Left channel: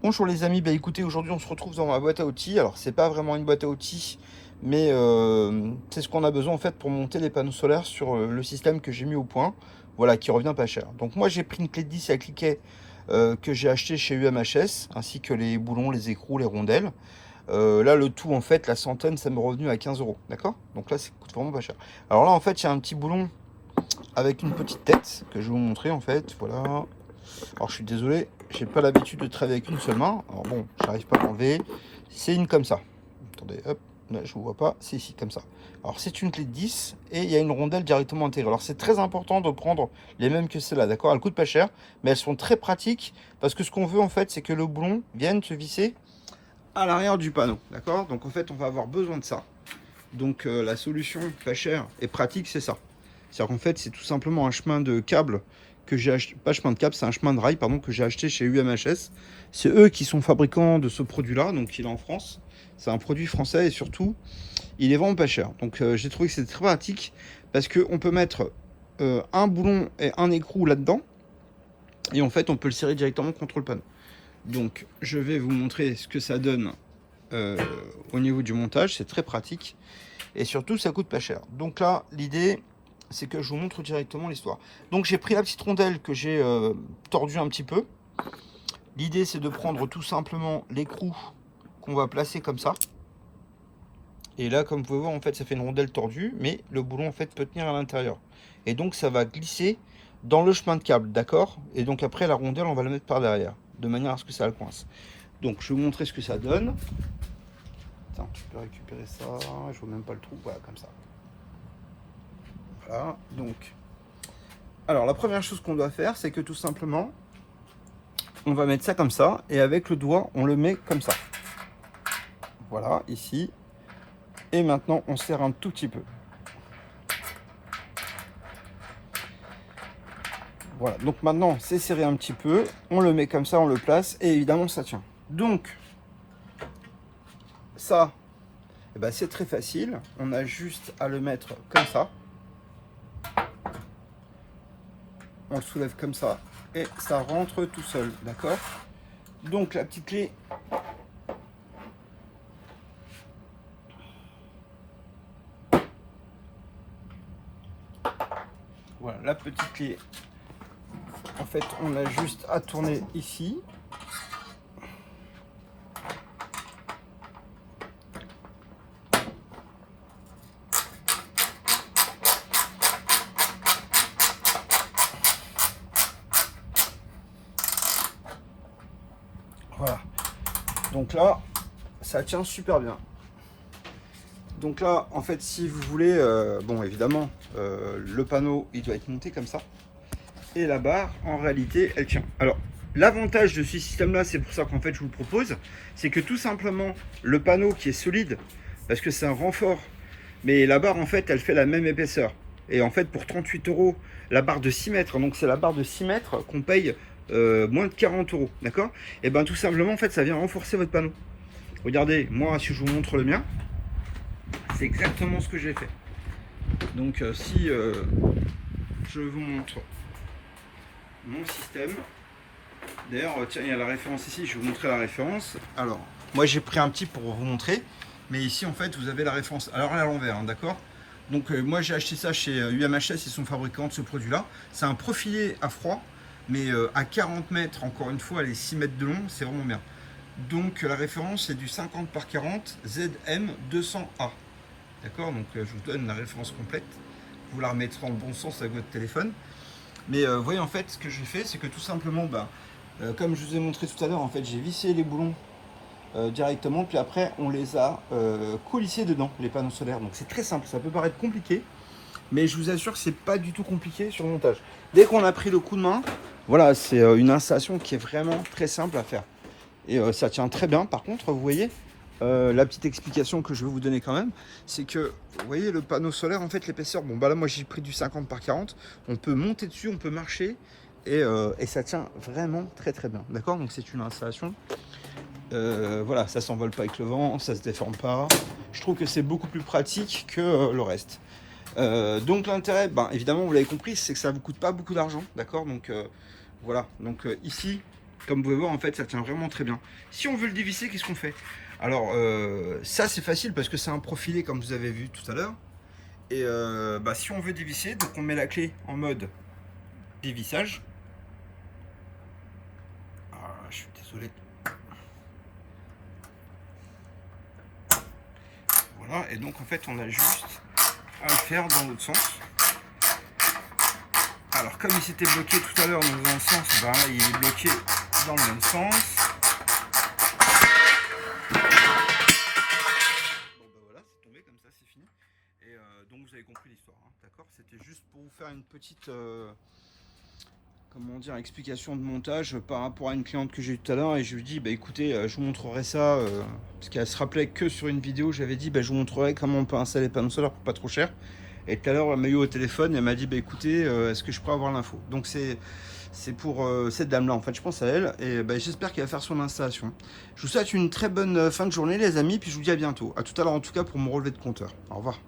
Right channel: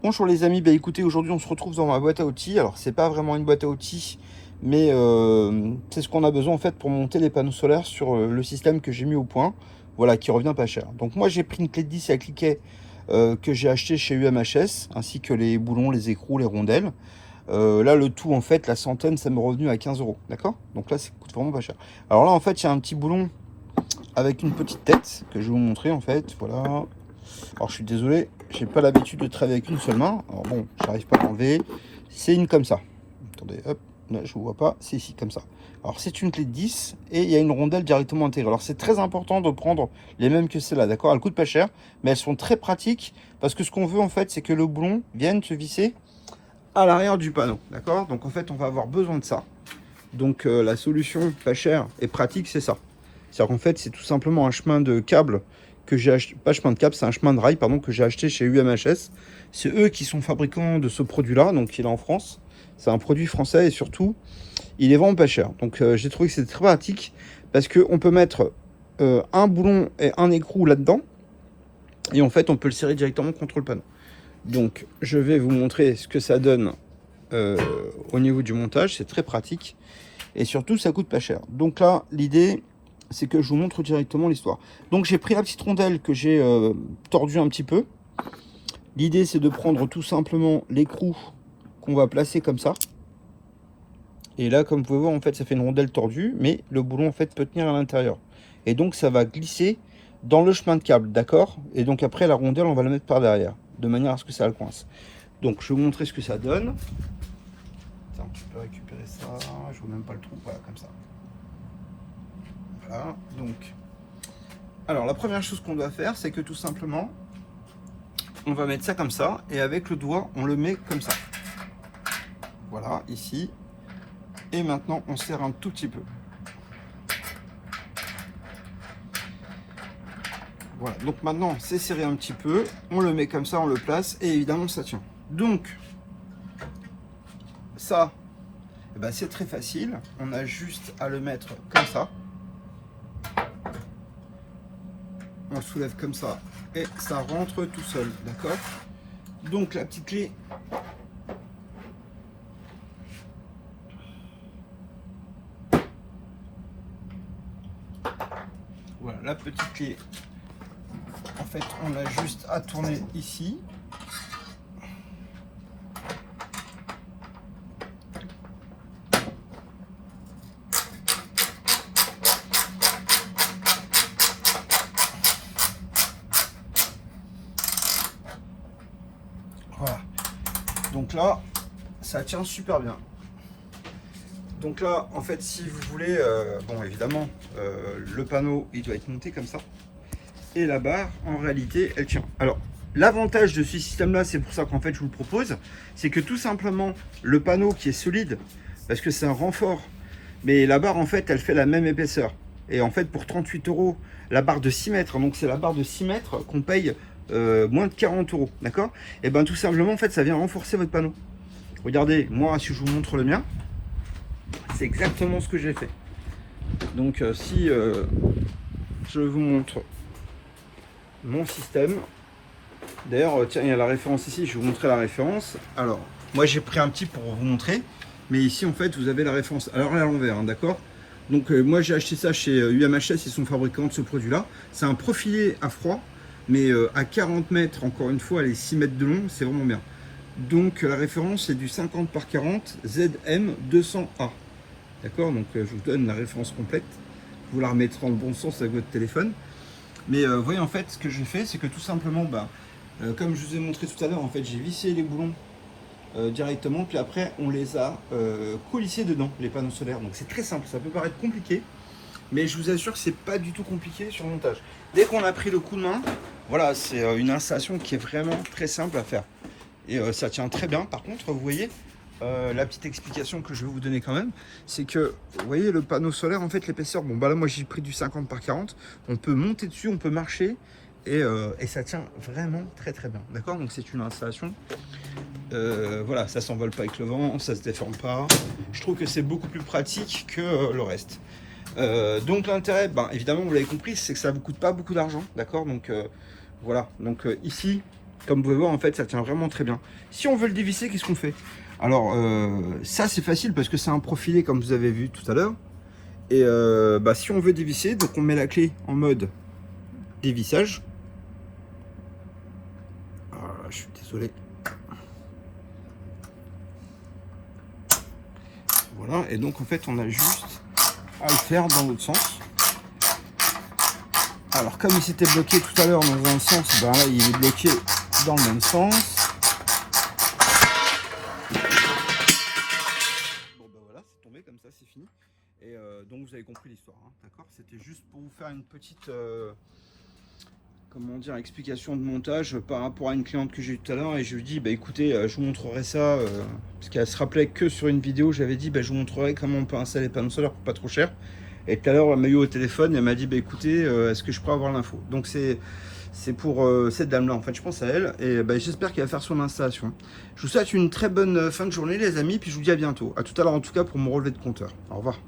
Bonjour les amis, bah écoutez, aujourd'hui on se retrouve dans ma boîte à outils. Alors c'est pas vraiment une boîte à outils, mais c'est ce qu'on a besoin en fait pour monter les panneaux solaires sur le système que j'ai mis au point, voilà, qui revient pas cher. Donc moi j'ai pris une clé de 10 à cliquet que j'ai acheté chez UMHS, ainsi que les boulons, les écrous, les rondelles. Là le tout en fait, la centaine, ça m'est revenu à 15 euros, d'accord? Donc là ça coûte vraiment pas cher. Alors là en fait il y a un petit boulon avec une petite tête que je vais vous montrer en fait, voilà. Alors je suis désolé, j'ai pas l'habitude de travailler avec une seule main. Alors bon, j'arrive pas à l'enlever. C'est une comme ça. Attendez, hop, là je vous vois pas, c'est ici comme ça. Alors c'est une clé de 10 et il y a une rondelle directement intégrée. Alors c'est très important de prendre les mêmes que celle-là, d'accord? Elles coûtent pas cher, mais elles sont très pratiques parce que ce qu'on veut en fait, c'est que le boulon vienne se visser à l'arrière du panneau, d'accord? Donc en fait, on va avoir besoin de ça. Donc la solution pas chère et pratique, c'est ça. C'est-à-dire qu'en fait, c'est tout simplement un chemin de câble que j'ai acheté, pas chemin de câble, c'est un chemin de rail, pardon, que j'ai acheté chez UMHS. C'est eux qui sont fabricants de ce produit-là, donc il est en France. C'est un produit français et surtout, il est vraiment pas cher. Donc j'ai trouvé que c'était très pratique parce qu'on peut mettre un boulon et un écrou là-dedans et en fait, on peut le serrer directement contre le panneau. Donc je vais vous montrer ce que ça donne au niveau du montage. C'est très pratique et surtout, ça coûte pas cher. Donc là, l'idée, c'est que je vous montre directement l'histoire. Donc j'ai pris la petite rondelle que j'ai tordue un petit peu. L'idée c'est de prendre tout simplement l'écrou qu'on va placer comme ça. Et là comme vous pouvez voir en fait ça fait une rondelle tordue, mais le boulon en fait peut tenir à l'intérieur. Et donc ça va glisser dans le chemin de câble, d'accord? Et donc après la rondelle on va la mettre par derrière, de manière à ce que ça le coince. Donc je vais vous montrer ce que ça donne. Attends, je peux récupérer ça, je vois même pas le trou, voilà comme ça. Voilà, donc alors la première chose qu'on doit faire, c'est que tout simplement, on va mettre ça comme ça, et avec le doigt, on le met comme ça. Voilà, ici. Et maintenant, on serre un tout petit peu. Voilà, donc maintenant, c'est serré un petit peu. On le met comme ça, on le place, et évidemment, ça tient. Donc, ça, eh ben, c'est très facile. On a juste à le mettre comme ça. On le soulève comme ça, et ça rentre tout seul, d'accord? Donc, la petite clé, voilà, la petite clé, en fait, on a juste à tourner ici. Voilà. Donc là, ça tient super bien. Donc là, en fait, si vous voulez, bon, évidemment, le panneau, il doit être monté comme ça. Et la barre, en réalité, elle tient. Alors, l'avantage de ce système-là, c'est pour ça qu'en fait, je vous le propose, c'est que tout simplement, le panneau qui est solide, parce que c'est un renfort, mais la barre, en fait, elle fait la même épaisseur. Et en fait, pour 38 euros, la barre de 6 mètres, donc c'est la barre de 6 mètres qu'on paye moins de 40 euros, d'accord? Et bien, tout simplement, en fait, ça vient renforcer votre panneau. Regardez, moi, si je vous montre le mien, c'est exactement ce que j'ai fait. Donc si je vous montre mon système, d'ailleurs tiens, il y a la référence ici, je vais vous montrer la référence. Alors moi j'ai pris un petit pour vous montrer, mais ici en fait vous avez la référence. Alors à l'envers, hein, d'accord? Donc moi j'ai acheté ça chez UMHS, ils sont fabricants de ce produit là. C'est un profilé à froid, mais à 40 mètres, encore une fois, les 6 mètres de long, c'est vraiment bien. Donc la référence c'est du 50 par 40 ZM200A. D'accord, donc je vous donne la référence complète. Vous la remettrez dans le bon sens avec votre téléphone. Mais voyez, en fait, ce que j'ai fait, c'est que tout simplement, comme je vous ai montré tout à l'heure, en fait, j'ai vissé les boulons directement, puis après, on les a coulissés dedans, les panneaux solaires. Donc c'est très simple, ça peut paraître compliqué, mais je vous assure que c'est pas du tout compliqué sur le montage. Dès qu'on a pris le coup de main, voilà, c'est une installation qui est vraiment très simple à faire. Et ça tient très bien. Par contre, vous voyez, la petite explication que je vais vous donner quand même, c'est que, vous voyez, le panneau solaire, en fait, l'épaisseur, bon, bah là, moi, j'ai pris du 50 par 40, on peut monter dessus, on peut marcher, et ça tient vraiment très, très bien, d'accord? Donc, c'est une installation, voilà, ça s'envole pas avec le vent, ça se déforme pas, je trouve que c'est beaucoup plus pratique que le reste. Donc, l'intérêt, ben, évidemment, vous l'avez compris, c'est que ça vous coûte pas beaucoup d'argent, d'accord? Donc, voilà, donc ici, Comme vous pouvez voir, en fait, ça tient vraiment très bien. Si on veut le dévisser, qu'est-ce qu'on fait? Alors, ça, c'est facile parce que c'est un profilé, comme vous avez vu tout à l'heure. Et si on veut dévisser, donc on met la clé en mode dévissage. Ah, je suis désolé. Voilà, et donc en fait, on a juste à le faire dans l'autre sens. Alors, comme il s'était bloqué tout à l'heure dans un sens, ben là, il est bloqué dans le même sens. Bon, ben voilà, c'est tombé comme ça, c'est fini. Et donc, vous avez compris l'histoire, hein, d'accord? C'était juste pour vous faire une petite, comment dire, explication de montage par rapport à une cliente que j'ai eu tout à l'heure. Et je lui dis, bah écoutez, je vous montrerai ça, parce qu'elle se rappelait que sur une vidéo, j'avais dit, bah, je vous montrerai comment on peut installer les panneaux solaires pour pas trop cher. Et tout à l'heure, elle m'a eu au téléphone et elle m'a dit, bah écoutez, est-ce que je pourrais avoir l'info? Donc c'est pour cette dame-là, en fait, je pense à elle. Et bah, j'espère qu'elle va faire son installation. Je vous souhaite une très bonne fin de journée, les amis, puis je vous dis à bientôt. À tout à l'heure, en tout cas, pour mon relevé de compteur. Au revoir.